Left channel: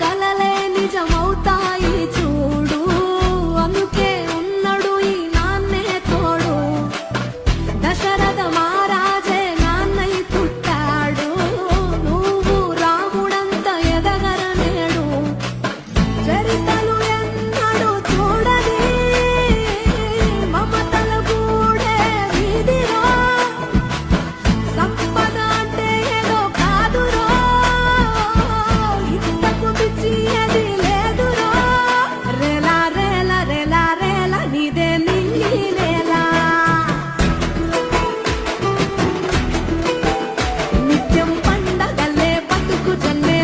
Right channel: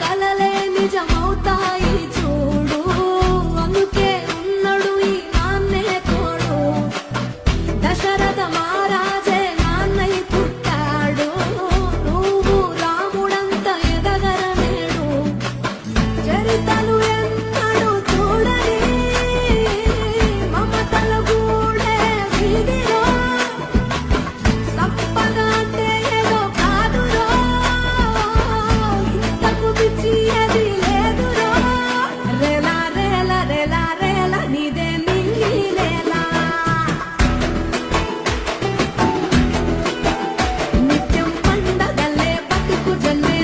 కలలే నిజమవుతాయి చూడు, అందుకే ఉన్నడు ఈ నాన్నే తోడు. దశరథ మహారాజే నాన్నై పుట్టాడు, నువ్వు రాముడంత ఎదగరనేడు. చరితలు ఎన్నడు చూడని మమతల గూడే వీధిరో, సంపద అంటే ఏదో కాదురో, ఇంతకు మించి అది లేదురో. రేలా రేల రేలా రేల నీదే నింగి నేల, నిత్యం పండగల్లే బతుకు జన్మే